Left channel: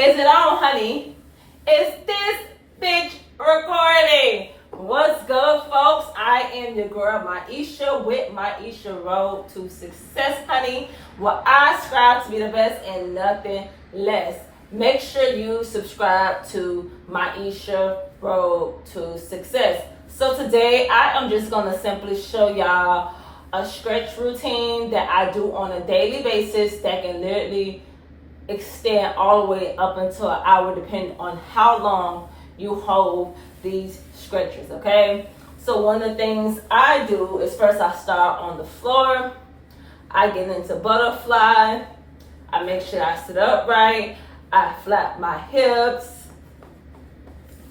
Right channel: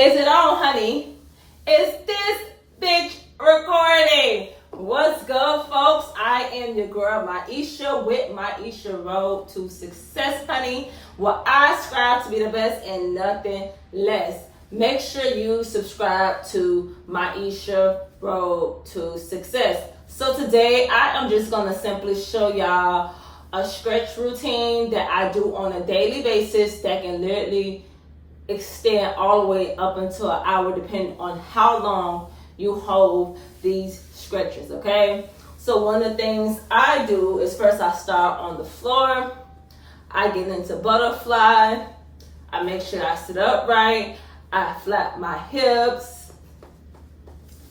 Is it on, honey? Is this bitch recording? What's good, folks? I am your girl, Maisha, with Maisha Road to Success, honey. Well, I strive to be the best and nothing less. Make sure you subscribe to Maisha Road to Success. So today, I am just going to simply show y'all a stretch routine that I do on a daily basis that can literally extend all the way up until an hour, depending on how long you hold these stretches, okay? So one of the things I do is first I start on the floor. I get into butterfly. I make sure I sit up right. I flap my hips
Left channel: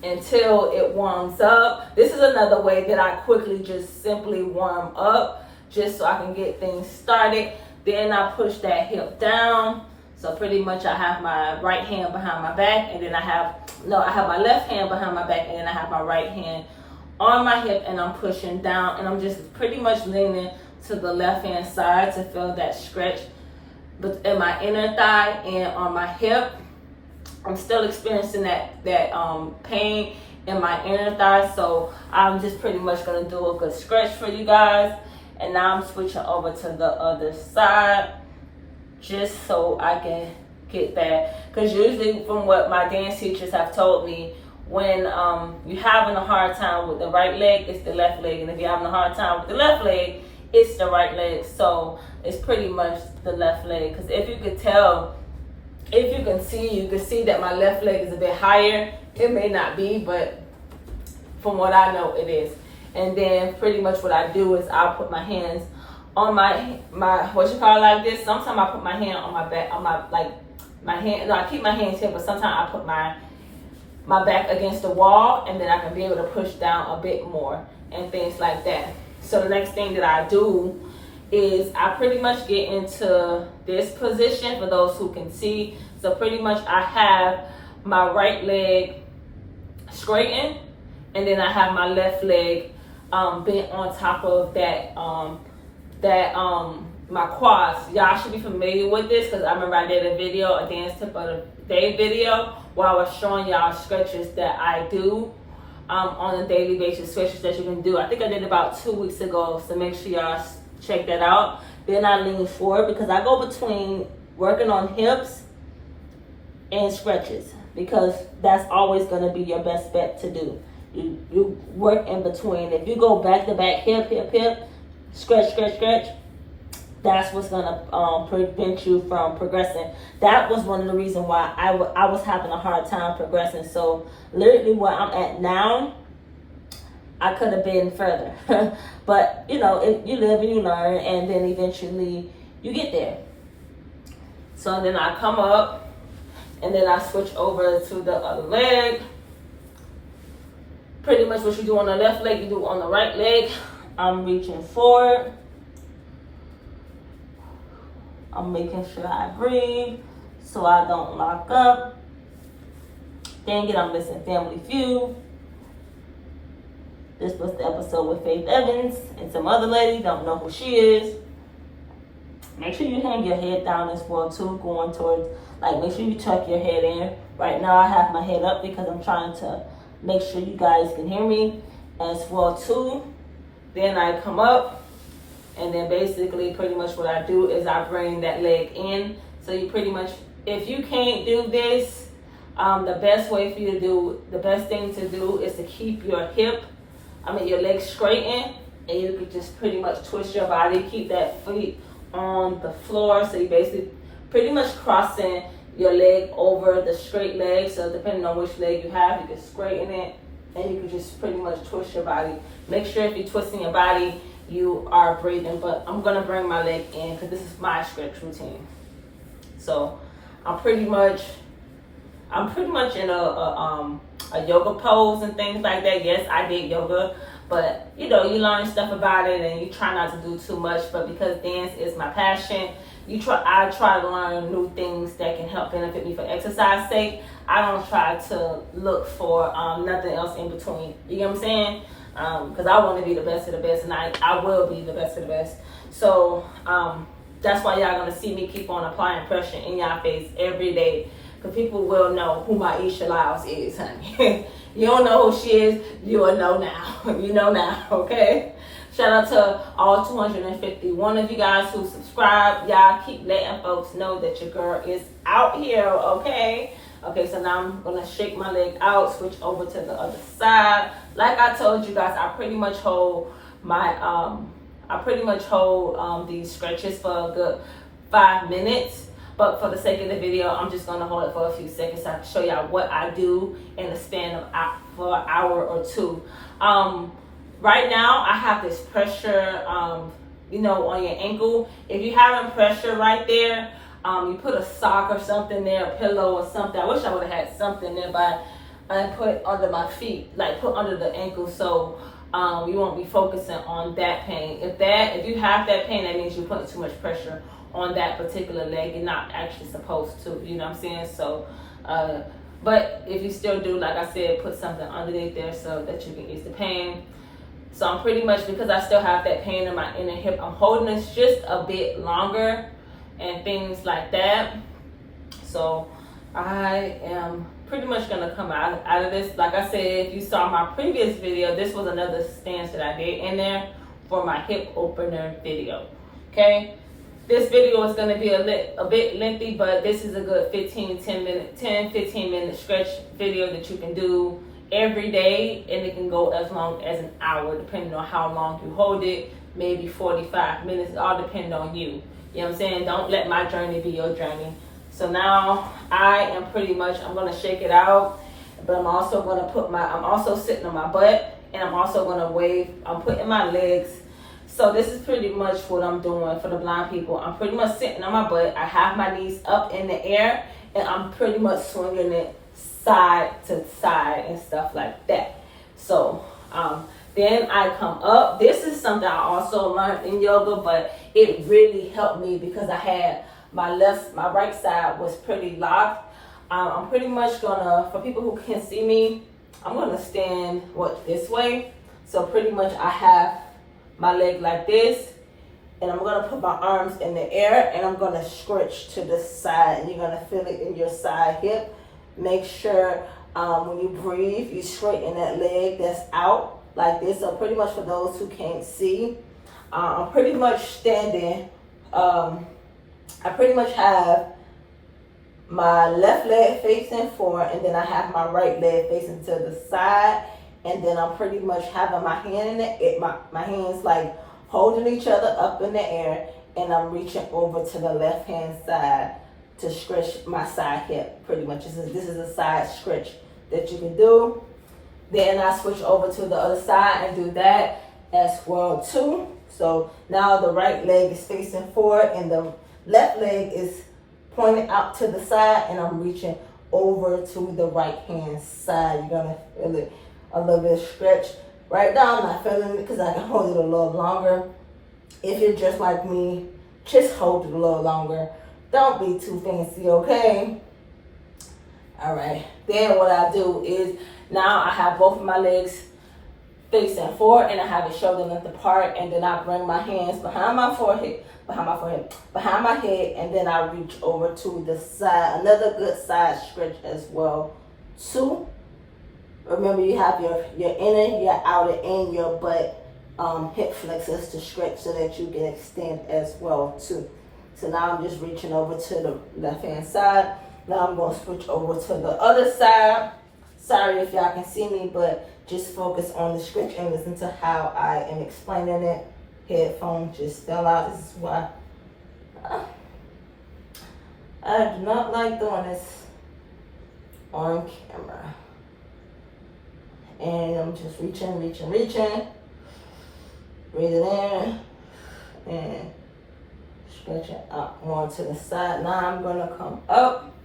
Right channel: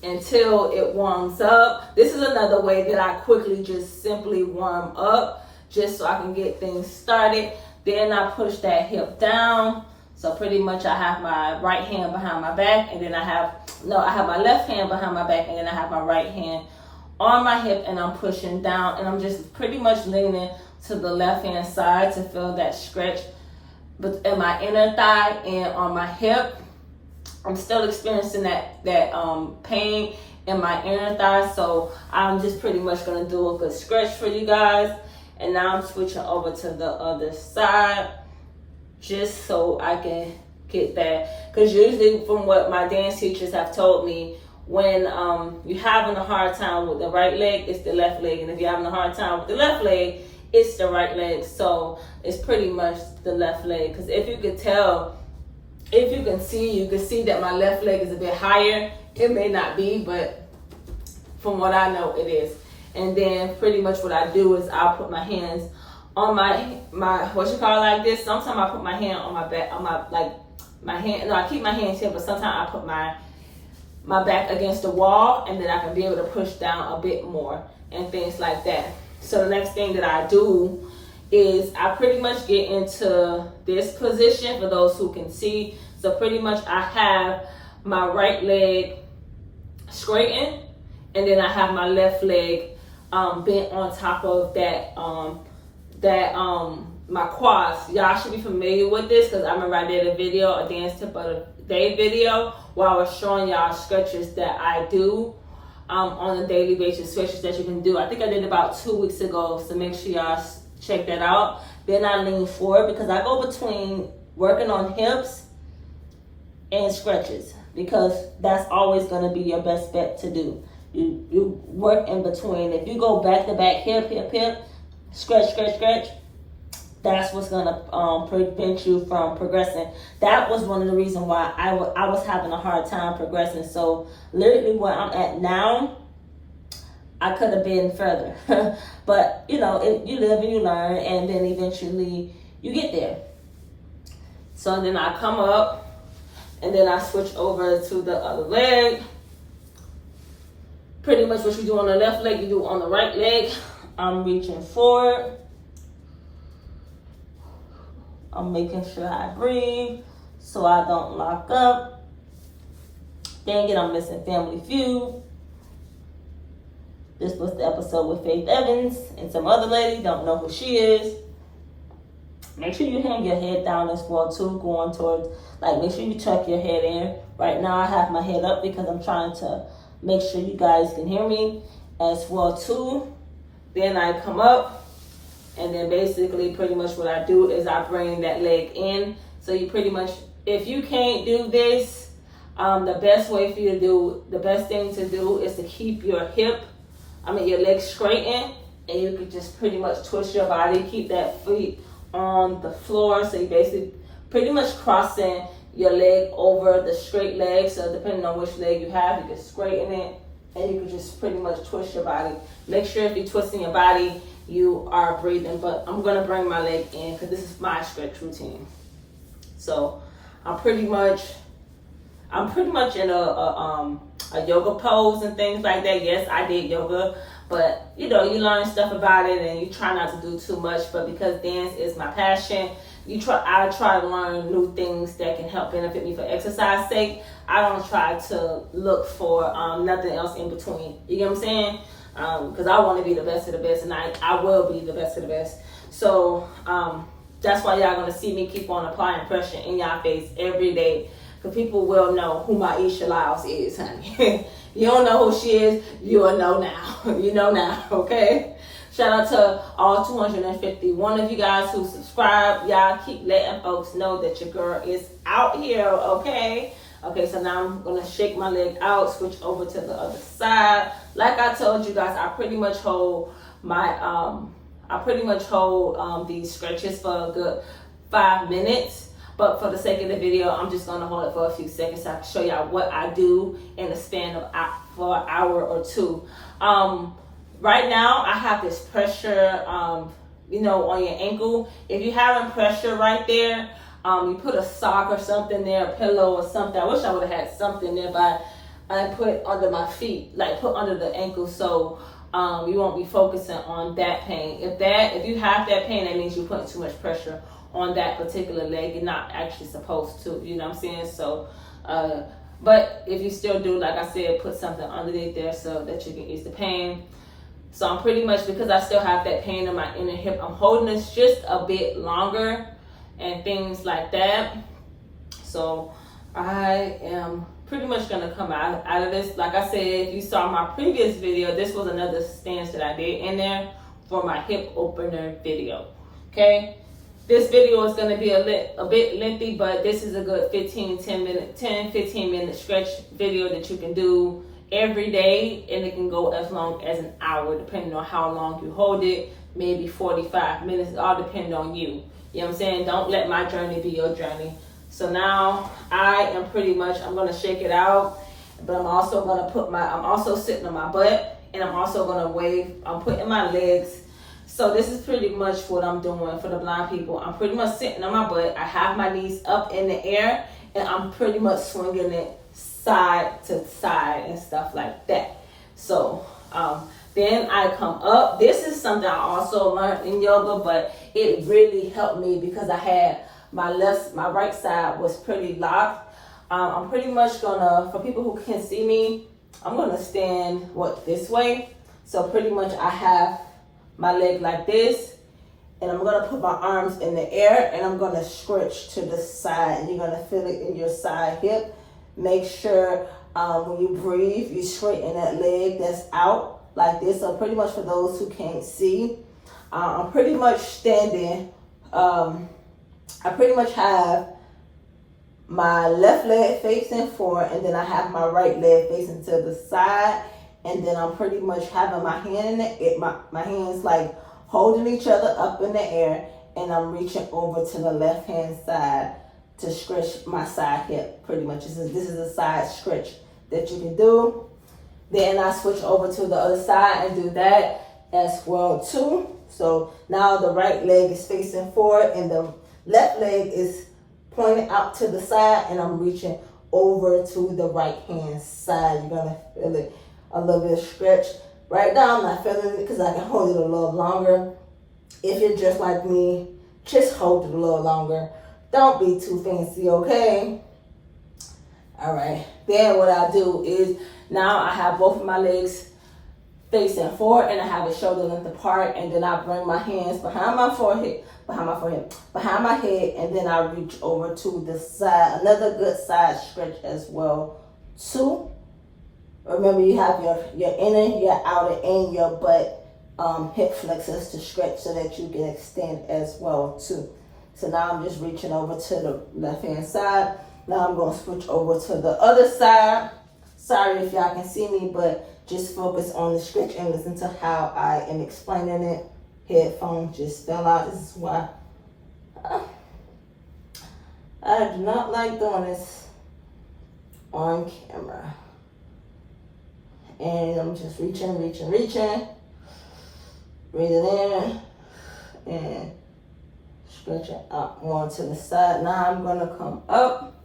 until it warms up. This is another way that I quickly just simply warm up, just so I can get things started. Then I push that hip down. So pretty much I have my right hand behind my back, and then I have my left hand behind my back, and then I have my right hand on my hip, and I'm pushing down, and I'm just pretty much leaning to the left hand side to feel that stretch in my inner thigh and on my hip. I'm still experiencing that pain in my inner thigh, so I'm just pretty much gonna do a good stretch for you guys. And now I'm switching over to the other side, just so I can get that. Because usually from what my dance teachers have told me, when you're having a hard time with the right leg, it's the left leg. And if you're having a hard time with the left leg, it's the right leg. So it's pretty much the left leg. Because if you could tell, if you can see that my left leg is a bit higher. It may not be, but from what I know, it is. And then pretty much what I do is I'll put my hands on my what you call it, like this. Sometimes I put my hand on my back, on my hand. No, I keep my hands here, but sometimes I put my back against the wall, and then I can be able to push down a bit more and things like that. So the next thing that I do is I pretty much get into this position for those who can see. So pretty much I have my right leg straightened, and then I have my left leg bent on top of that my quads. Y'all should be familiar with this, because I remember I did a dance tip of the day video, where I was showing y'all stretches that I do on a daily basis, stretches that you can do. I think I did about 2 weeks ago, so make sure y'all check that out. Then I lean forward, because I go between working on hips and stretches, because that's always going to be your best bet to do. You work in between. If you go back to back, hip, stretch, that's what's gonna prevent you from progressing. That was one of the reasons why I was having a hard time progressing. So literally where I'm at now, I could have been further. But you live and you learn, and then eventually you get there. So then I come up, and then I switch over to the other leg. Pretty much what you do on the left leg, you do on the right leg. I'm reaching forward. I'm making sure I breathe so I don't lock up. Dang it, I'm missing Family Feud. This was the episode with Faith Evans and some other lady. Don't know who she is. Make sure you hang your head down as well too, going towards, make sure you tuck your head in. Right now I have my head up because I'm trying to make sure you guys can hear me as well too. Then I come up, and then basically pretty much what I do is I bring that leg in. So you pretty much, if you can't do this, the best thing to do is to keep your your leg straightened, and you can just pretty much twist your body, keep that feet on the floor. So you basically pretty much crossing your leg over the straight leg. So depending on which leg you have, you can straighten it, and you can just pretty much twist your body. Make sure if you're twisting your body, you are breathing. But I'm gonna bring my leg in because this is my stretch routine. So I'm pretty much in a yoga pose and things like that. Yes, I did yoga, but you learn stuff about it, and you try not to do too much. But because dance is my passion, I try to learn new things that can help benefit me for exercise sake. I don't try to look for nothing else in between. You get what I'm saying? Because I want to be the best of the best, and I will be the best of the best. So That's why y'all gonna see me keep on applying pressure in y'all face every day, because people will know who Maisha Lyles is, honey. You don't know who she is, you will know now. You know now, okay? Shout out to all 251 of you guys who subscribe. Y'all keep letting folks know that your girl is out here, okay? Okay, so now I'm gonna shake my leg out, switch over to the other side. Like I told you guys, I pretty much hold these stretches for a good 5 minutes. But for the sake of the video, I'm just gonna hold it for a few seconds so I can show y'all what I do in the span of for an hour or two. Right now, I have this pressure, on your ankle. If you're having pressure right there, you put a sock or something there, a pillow or something. I wish I would have had something nearby and put it under my feet, like put under the ankle, so you won't be focusing on that pain. If you have that pain, that means you're putting too much pressure on that particular leg. You're not actually supposed to, you know what I'm saying? So, but if you still do, like I said, put something underneath there so that you can ease the pain. So I'm pretty much, because I still have that pain in my inner hip, I'm holding this just a bit longer and things like that. So I am pretty much gonna come out of this. Like I said, if you saw my previous video, this was another stance that I did in there for my hip opener video, okay? This video is gonna be a bit lengthy, but this is a good 15 minute stretch video that you can do every day, and it can go as long as an hour, depending on how long you hold it, maybe 45 minutes, it all depends on you. You know what I'm saying? Don't let my journey be your journey. So now I'm gonna shake it out, but I'm also sitting on my butt, and I'm also gonna I'm putting my legs. So this is pretty much what I'm doing for the blind people. I'm pretty much sitting on my butt. I have my knees up in the air, and I'm pretty much swinging it side to side and stuff like that. So then I come up. This is something I also learned in yoga, but it really helped me because I had my right side was pretty locked. I'm pretty much gonna, for people who can't see me, I'm gonna stand this way. So pretty much I have my leg like this, and I'm gonna put my arms in the air, and I'm gonna stretch to the side, and you're gonna feel it in your side hip. Make sure when you breathe, you straighten that leg that's out like this. So pretty much for those who can't see, I'm pretty much standing. I pretty much have my left leg facing forward, and then I have my right leg facing to the side, and then I'm pretty much having my hand in my hands like holding each other up in the air, and I'm reaching over to the left hand side to stretch my side hip. Pretty much this is a side stretch that you can do. Then I switch over to the other side and do that as well too. So now the right leg is facing forward and the left leg is pointing out to the side, and I'm reaching over to the right hand side. You're gonna feel it a little bit stretch. Right now I'm not feeling it because I can hold it a little longer. If you're just like me, just hold it a little longer. Don't be too fancy, okay? All right. Then what I do is now I have both of my legs facing forward, and I have it shoulder length apart, and then I bring my hands behind my head, and then I reach over to the side. Another good side stretch as well too. Remember, you have your inner, your outer, and your butt hip flexors to stretch so that you can extend as well too. So now I'm just reaching over to the left hand side. Now I'm going to switch over to the other side. Sorry if y'all can see me, but just focus on the stretch and listen to how I am explaining it. Headphone just fell out. This is why I do not like doing this on camera. And I'm just reaching. Breathing in and stretching out more to the side. Now I'm gonna come up.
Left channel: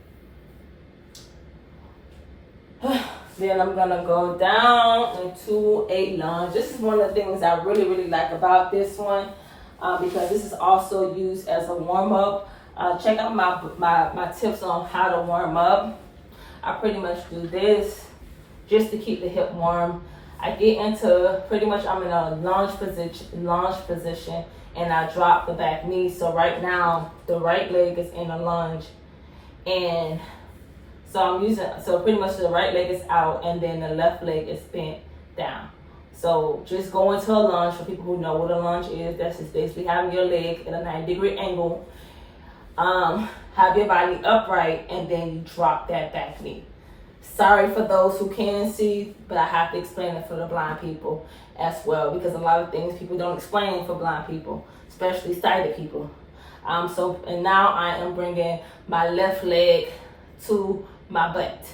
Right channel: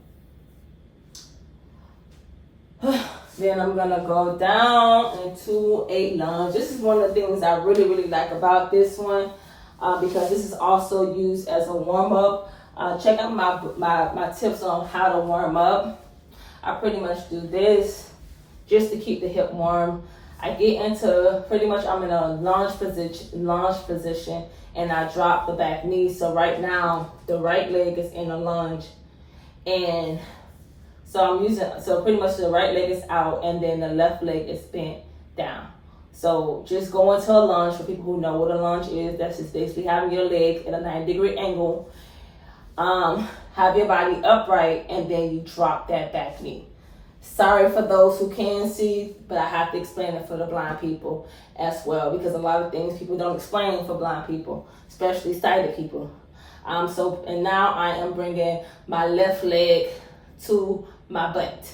Then I'm gonna go down into a lunge. This is one of the things I really, really like about this one because this is also used as a warm-up. Check out my tips on how to warm up. I pretty much do this just to keep the hip warm. I get into I'm in a lunge position, and I drop the back knee. So right now the right leg is in a lunge, and So so pretty much the right leg is out and then the left leg is bent down. So just go into a lunge. For people who know what a lunge is, that's just basically having your leg at a 90-degree angle. Have your body upright and then you drop that back knee. Sorry for those who can see, but I have to explain it for the blind people as well, because a lot of things people don't explain for blind people, especially sighted people. And now I am bringing my left leg to my butt.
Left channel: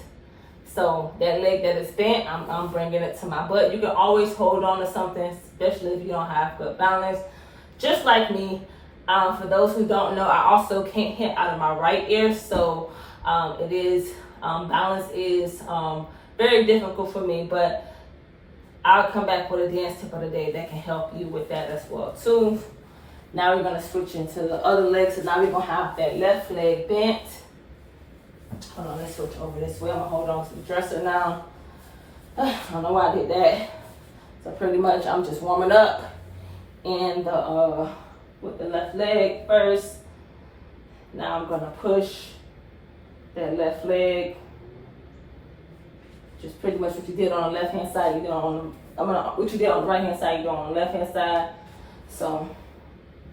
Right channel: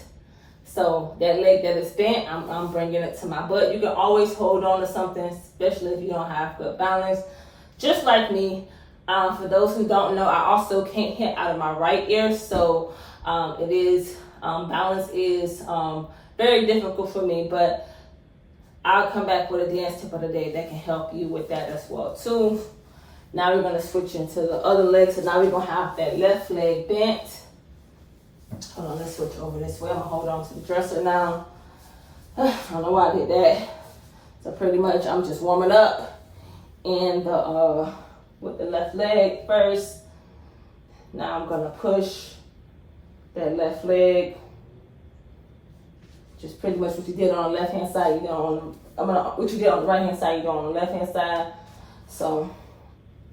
So that leg that is bent, I'm bringing it to my butt. You can always hold on to something, especially if you don't have good balance, just like me. For those who don't know, I also can't hit out of my right ear, so balance is very difficult for me, but I'll come back with a dance tip of the day that can help you with that as well too. Now we're gonna switch into the other leg, so now we're gonna have that left leg bent. Hold on, let's switch over this way. I'm gonna hold on to the dresser now. I don't know why I did that. So pretty much I'm just warming up and with the left leg first. Now I'm gonna push that left leg. Just pretty much what you did on the left hand side, you do on what you did on the right hand side, you do on the left hand side. So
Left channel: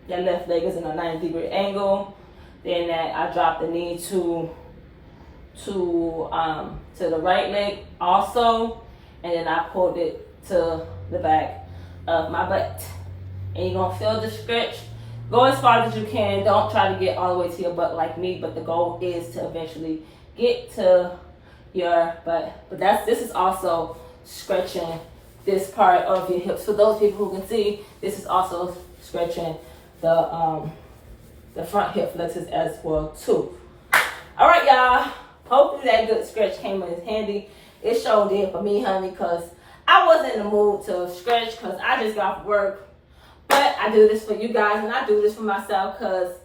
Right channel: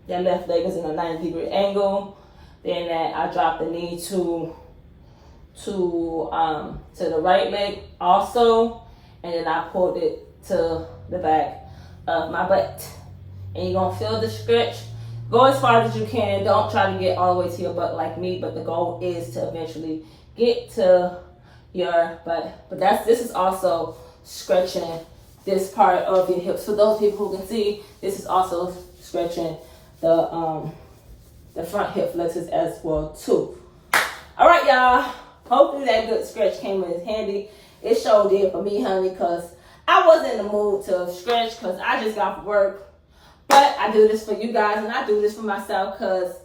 that left leg is in a 90-degree angle. Then I drop the knee to the right leg also, and then I pulled it to the back of my butt. And you're gonna feel the stretch. Go as far as you can. Don't try to get all the way to your butt like me, but the goal is to eventually get to your butt. But this is also stretching this part of your hips. For those people who can see, this is also stretching the front hip flexors as well too. All right, y'all. Hopefully that good stretch came in handy. It sure did for me, honey, because I wasn't in the mood to stretch because I just got off work. But I do this for you guys, and I do this for myself because,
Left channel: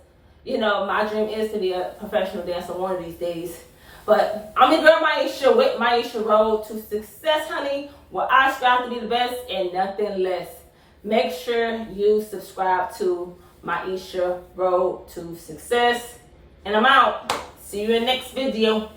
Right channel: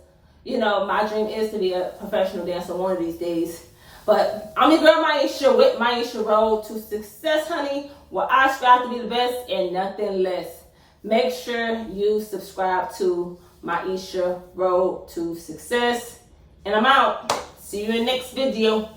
you know, my dream is to be a professional dancer one of these days. But I'm your girl, Maisha, with Maisha Road to Success, honey, where I strive to be the best and nothing less. Make sure you subscribe to Maisha Road to Success. And I'm out. See you in the next video.